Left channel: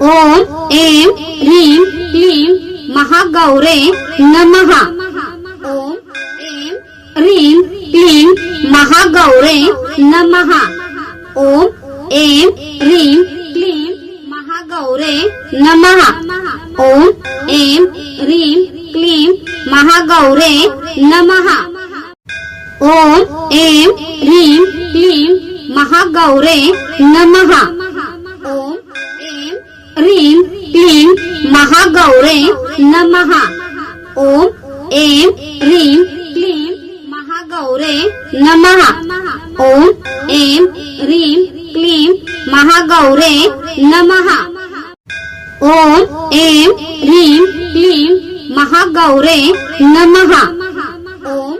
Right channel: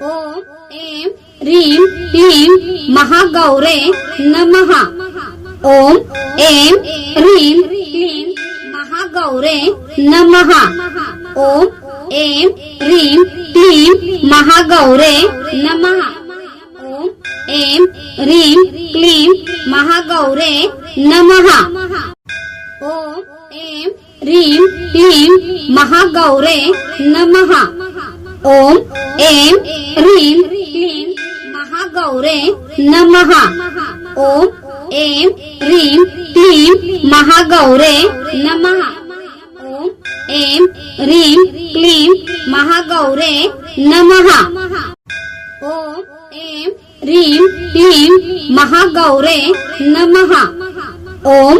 ओम ऐं ह्रीं क्लीं महागौरे नमः। ओम ऐं ह्रीं क्लीं महागौरे नमः। ओम ऐं ह्रीं क्लीं महागौरे नमः। ओम ऐं ह्रीं क्लीं महागौरे नमः। ओम ऐं ह्रीं क्लीं महागौरे नमः। ओम ऐं ह्रीं क्लीं महागौरे नमः। ओम ऐं ह्रीं क्लीं महागौरे नमः। ओम ऐं ह्रीं क्लीं महागौरे नमः। ओम ऐं ह्रीं क्लीं महागौरे नमः। ओम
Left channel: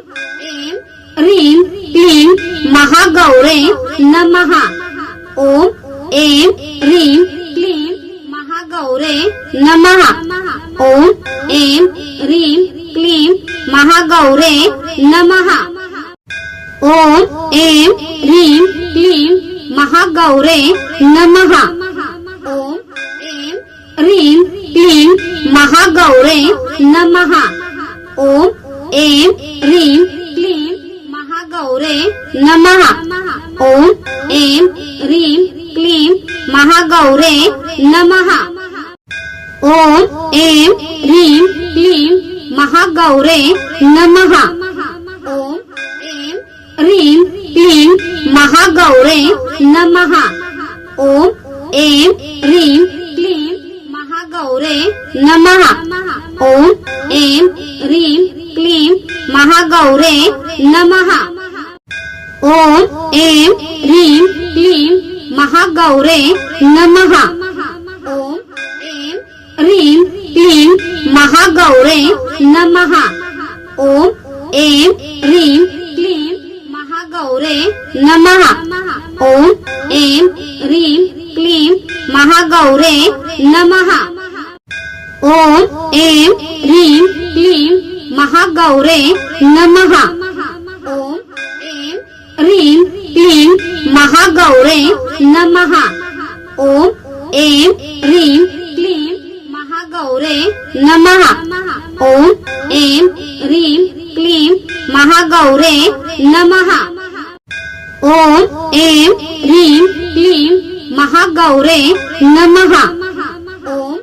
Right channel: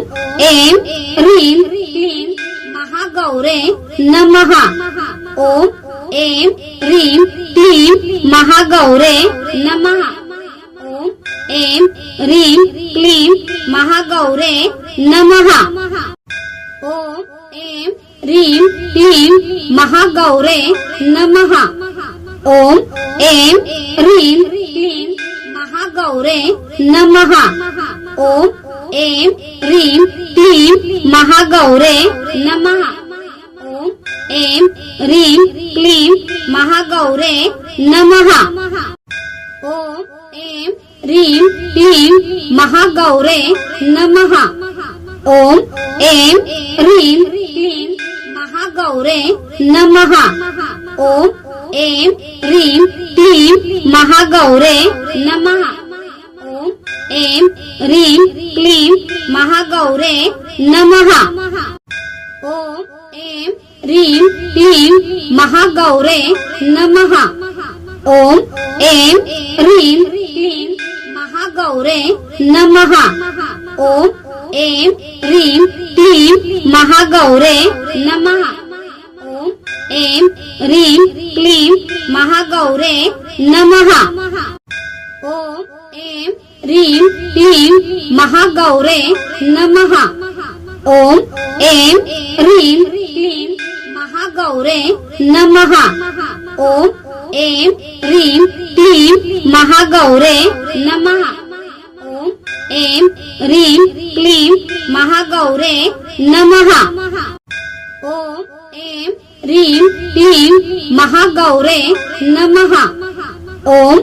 ऐं ह्रीं क्लीं महागौरे नमः। ओम ऐं ह्रीं क्लीं महागौरे नमः। ओम ऐं ह्रीं क्लीं महागौरे नमः। ओम ऐं ह्रीं क्लीं महागौरे नमः। ओम ऐं ह्रीं क्लीं महागौरे नमः। ओम ऐं ह्रीं क्लीं महागौरे नमः। ओम ऐं ह्रीं क्लीं महागौरे नमः। ओम, ऐं, ह्रीं क्लीं महागौरे नमः। ओम, ऐं, ह्रीं क्लीं महागौरे नमः। ओम, ऐं, ह्रीं क्लीं महागौरे नमः। ओम, ऐं, ह्रीं क्लीं महागौरे नमः। ओम ऐं ह्रीं क्लीं महागौरे नमः। ओम ऐं ह्रीं क्लीं महागौरे नमः। ओम ऐं ह्रीं क्लीं महागौरे नमः। ओम ऐं ह्रीं क्लीं महागौरे नमः। ओम ऐं ह्रीं क्लीं महागौरे नमः। ओम ऐं ह्रीं क्लीं महागौरे नमः। ओम ऐं ह्रीं क्लीं महागौरे नमः। ओम ऐं ह्रीं क्लीं महागौरे नमः। ओम ऐं ह्रीं क्लीं महागौरे नमः। ओम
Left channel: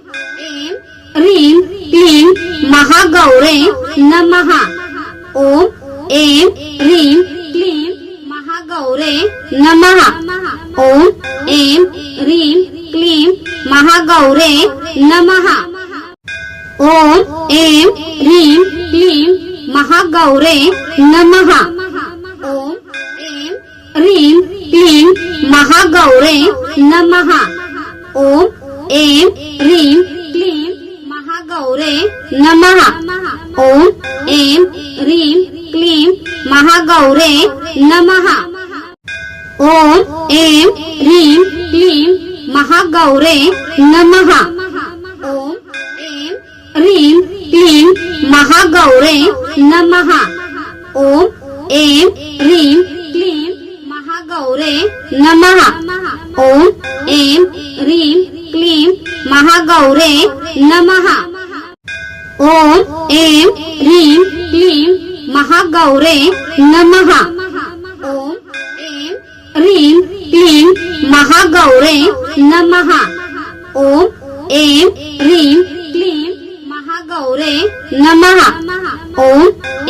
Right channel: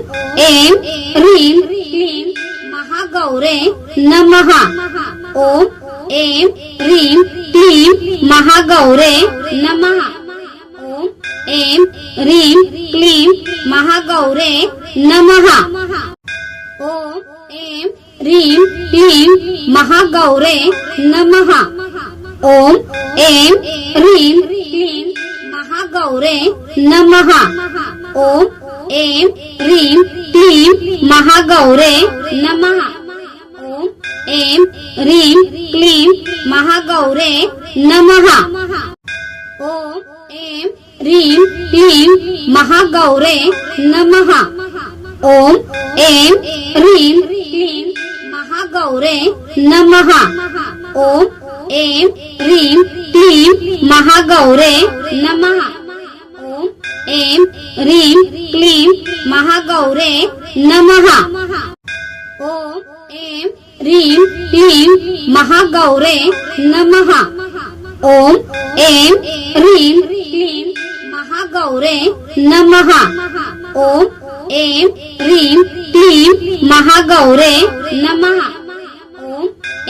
ऐं ह्रीं क्लीं महागौरे नमः। ओम ऐं ह्रीं क्लीं महागौरे नमः। ओम ऐं ह्रीं क्लीं महागौरे नमः। ओम ऐं ह्रीं क्लीं महागौरे नमः। ओम ऐं ह्रीं क्लीं महागौरे नमः। ओम ऐं ह्रीं क्लीं महागौरे नमः। ओम ऐं ह्रीं क्लीं महागौरे नमः। ओम ऐं ह्रीं क्लीं महागौरे नमः। ओम ऐं ह्रीं क्लीं महागौरे नमः। ओम ऐं ह्रीं क्लीं महागौरे नमः। ओम ऐं ह्रीं क्लीं महागौरे नमः। ओम ऐं ह्रीं क्लीं महागौरे नमः। ओम ऐं ह्रीं क्लीं महागौरे नमः। ओम ऐं ह्रीं क्लीं महागौरे नमः। ओम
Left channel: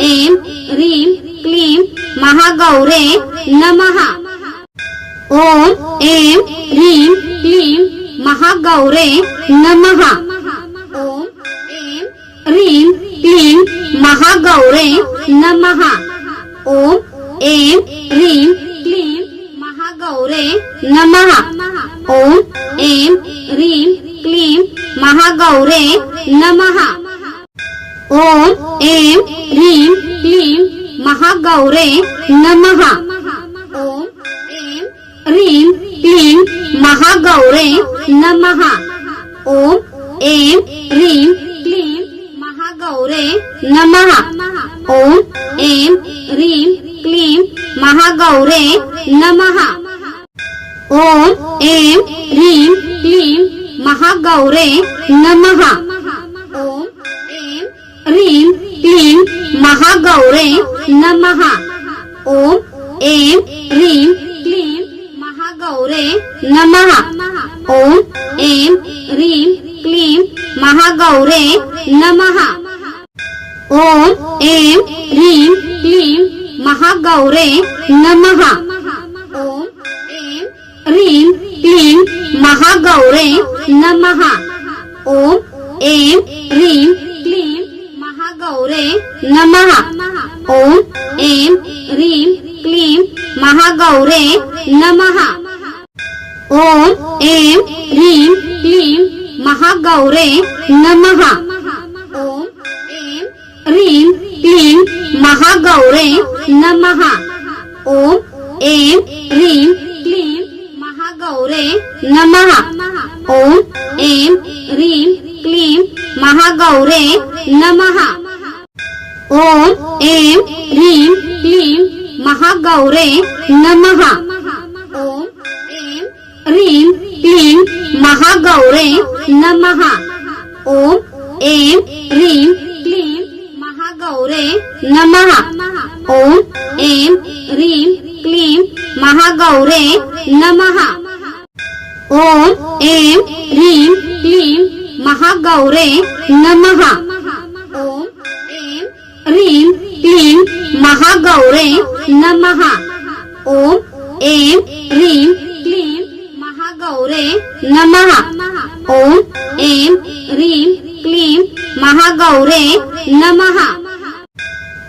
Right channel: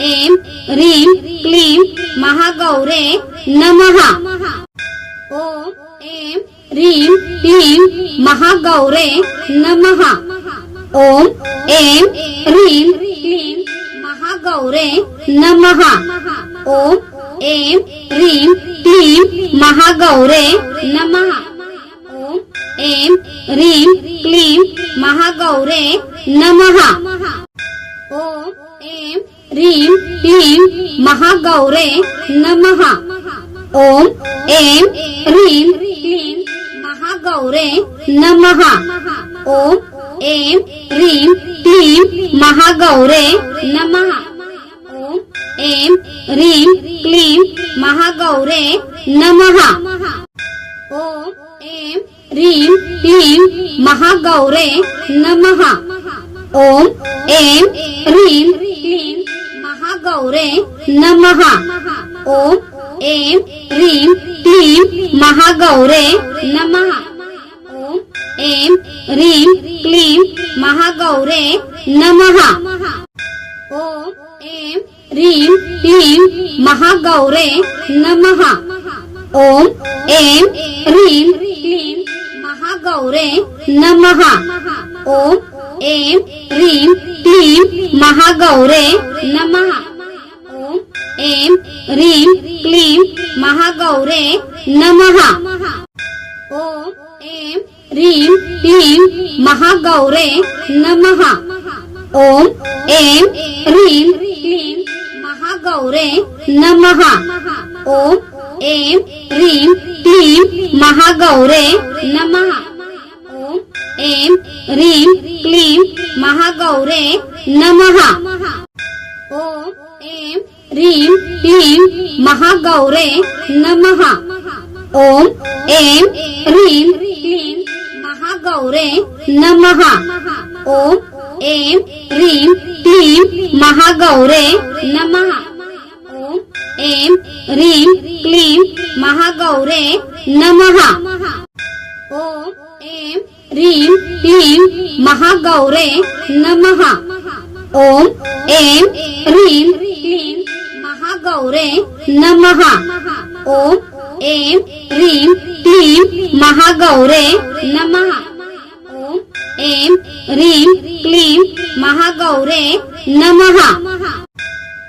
ऐं ह्रीं क्लीं महागौरे नमः। ओम ऐं ह्रीं क्लीं महागौरे नमः। ओम ऐं ह्रीं क्लीं महागौरे नमः। ओम ऐं ह्रीं क्लीं महागौरे नमः। ओम ऐं ह्रीं क्लीं महागौरे नमः। ओम ऐं ह्रीं क्लीं महागौरे नमः। ओम ऐं ह्रीं क्लीं महागौरे नमः। ओम ऐं ह्रीं क्लीं महागौरे नमः। ओम ऐं, ह्रीं, क्लीं, महागौरे नमः। ओम ऐं, ह्रीं, क्लीं, महागौरे नमः। ॐ, ऐं, ह्रीं, क्लीं, महागौरे नमः। ॐ, ऐं, ह्रीं, क्लीं, महागौरे नमः। ॐ, ऐं, ह्रीं क्लीं महागौरे नमः। ॐ ऐं ह्रीं क्लीं महागौरे नमः। ॐ ऐं ह्रीं क्लीं महागौरे नमः। ॐ ऐं ह्रीं क्लीं महागौरे नमः। ॐ ऐं ह्रीं क्लीं महागौरे नमः। ॐ ऐं ह्रीं क्लीं महागौरे नमः। ॐ, ऐं, ह्रीं क्लीं महागौरे नमः। ॐ, ऐं, ह्रीं क्लीं महागौरे नमः। ॐ, ऐं, ह्रीं क्लीं महागौरे नमः। ॐ, ऐं, ह्रीं क्लीं महागौरे नमः। ॐ, ऐं, ह्रीं क्लीं महागौरे नमः। ॐ ऐं ह्रीं, क्लीं, महागौरे नमः। ॐ ऐं ह्रीं, क्लीं, महागौरे नमः। ॐ ऐं ह्रीं, क्लीं, महागौरे नमः। ॐ ऐं ह्रीं, क्लीं, महागौरे नमः। ॐ ऐं ह्रीं, क्लीं महागौरे नमः। ॐ ऐं, ह्रीं, क्लीं, महागौरे नमः।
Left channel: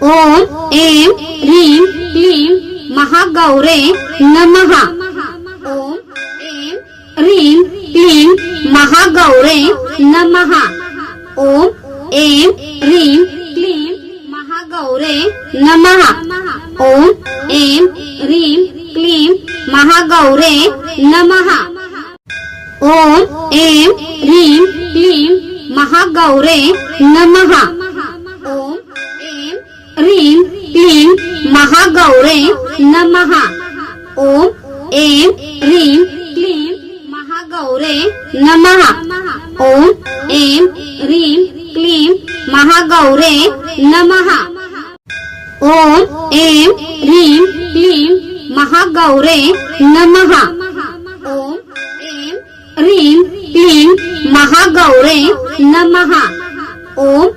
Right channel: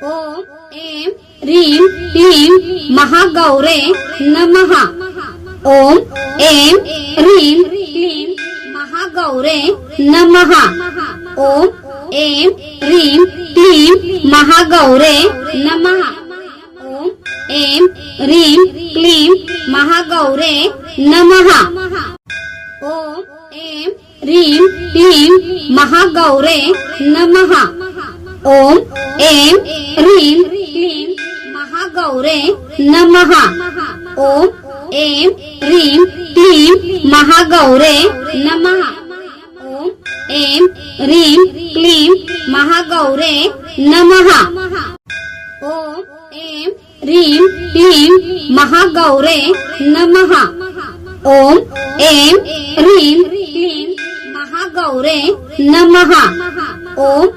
ॐ ऐं, ह्रीं, क्लीं, महागौरे नमः। ॐ ऐं, ह्रीं, क्लीं, महागौरे नमः। ॐ ऐं, ह्रीं, क्लीं, महागौरे नमः। ॐ ऐं, ह्रीं, क्लीं, महागौरे नमः। ॐ ऐं ह्रीं क्लीं महागौरे नमः। ॐ ऐं ह्रीं क्लीं महागौरे नमः। ॐ ऐं ह्रीं क्लीं महागौरे नमः। ॐ ऐं ह्रीं क्लीं महागौरे नमः। ॐ ऐं ह्रीं क्लीं महागौरे नमः। ॐ ऐं ह्रीं क्लीं महागौरे नमः। ॐ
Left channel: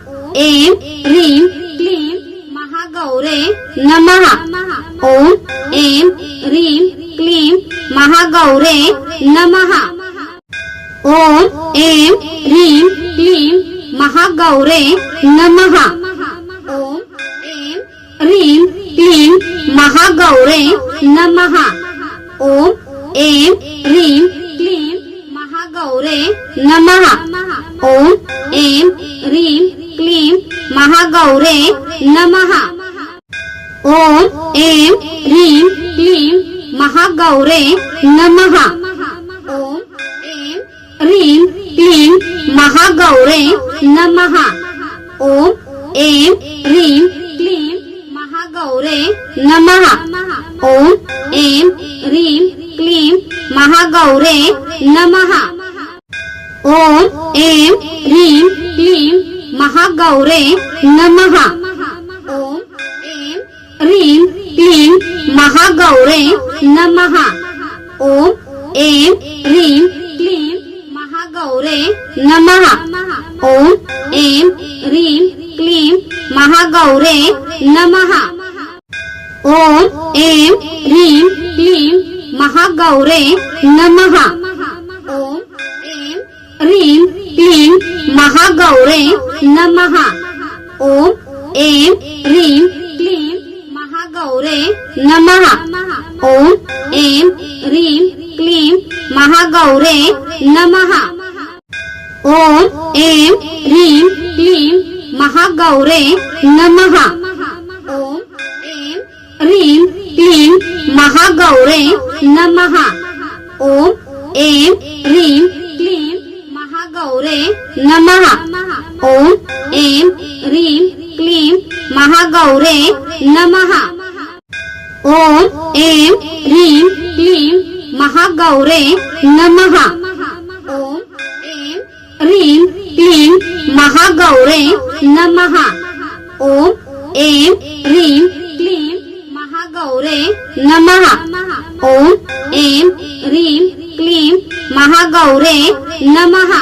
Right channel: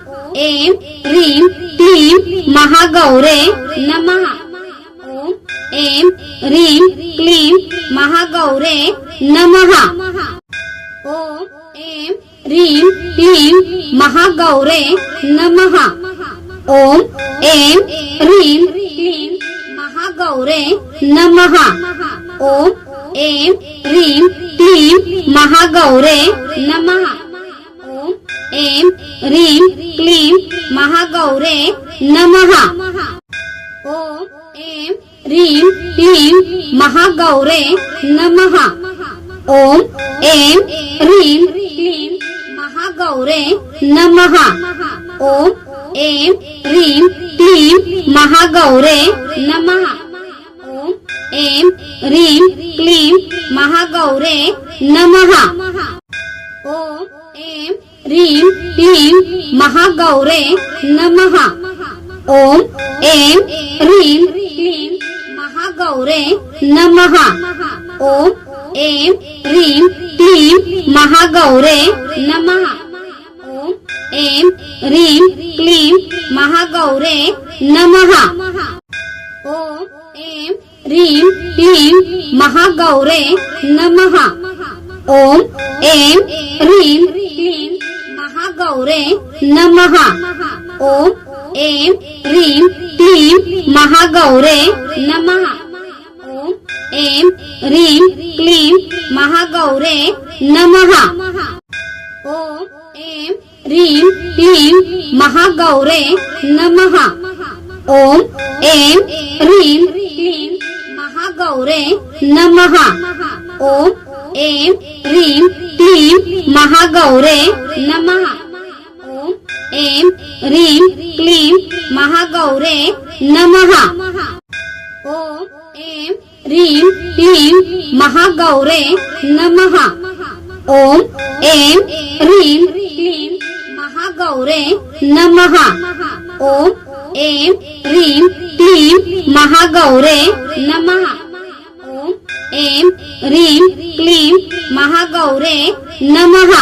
ऐं ह्रीं क्लीं महागौरे नमः। ॐ ऐं ह्रीं क्लीं महागौरे नमः। ॐ ऐं ह्रीं क्लीं महागौरे नमः। ॐ ऐं ह्रीं क्लीं महागौरे नमः। ॐ ऐं ह्रीं क्लीं महागौरे नमः। ॐ ऐं ह्रीं क्लीं महागौरे नमः। ॐ ऐं ह्रीं क्लीं महागौरे नमः। ॐ ऐं ह्रीं क्लीं महागौरे नमः। ॐ ऐं ह्रीं क्लीं महागौरे नमः। ॐ ऐं ह्रीं क्लीं महागौरे नमः। ॐ ऐं ह्रीं क्लीं महागौरे नमः। ॐ ऐं ह्रीं क्लीं महागौरे नमः। ॐ ऐं ह्रीं क्लीं महागौरे नमः। ॐ ऐं ह्रीं क्लीं महागौरे नमः। ॐ ऐं ह्रीं क्लीं महागौरे नमः। ॐ ऐं ह्रीं क्लीं महागौरे नमः। ॐ ऐं ह्रीं क्लीं महागौरे नमः। ॐ ऐं ह्रीं क्लीं महागौरे नमः। ॐ ऐं ह्रीं क्लीं महागौरे नमः। ॐ ऐं ह्रीं क्लीं महागौरे नमः। ॐ ऐं ह्रीं क्लीं महागौरे नमः। ॐ ऐं ह्रीं क्लीं महागौरे नमः। ॐ ऐं ह्रीं क्लीं महागौरे नमः। ओम ऐं ह्रीं क्लीं महागौरे नमः। ओम ऐं ह्रीं क्लीं महागौरे नमः। ओम ऐं ह्रीं क्लीं महागौरे नमः।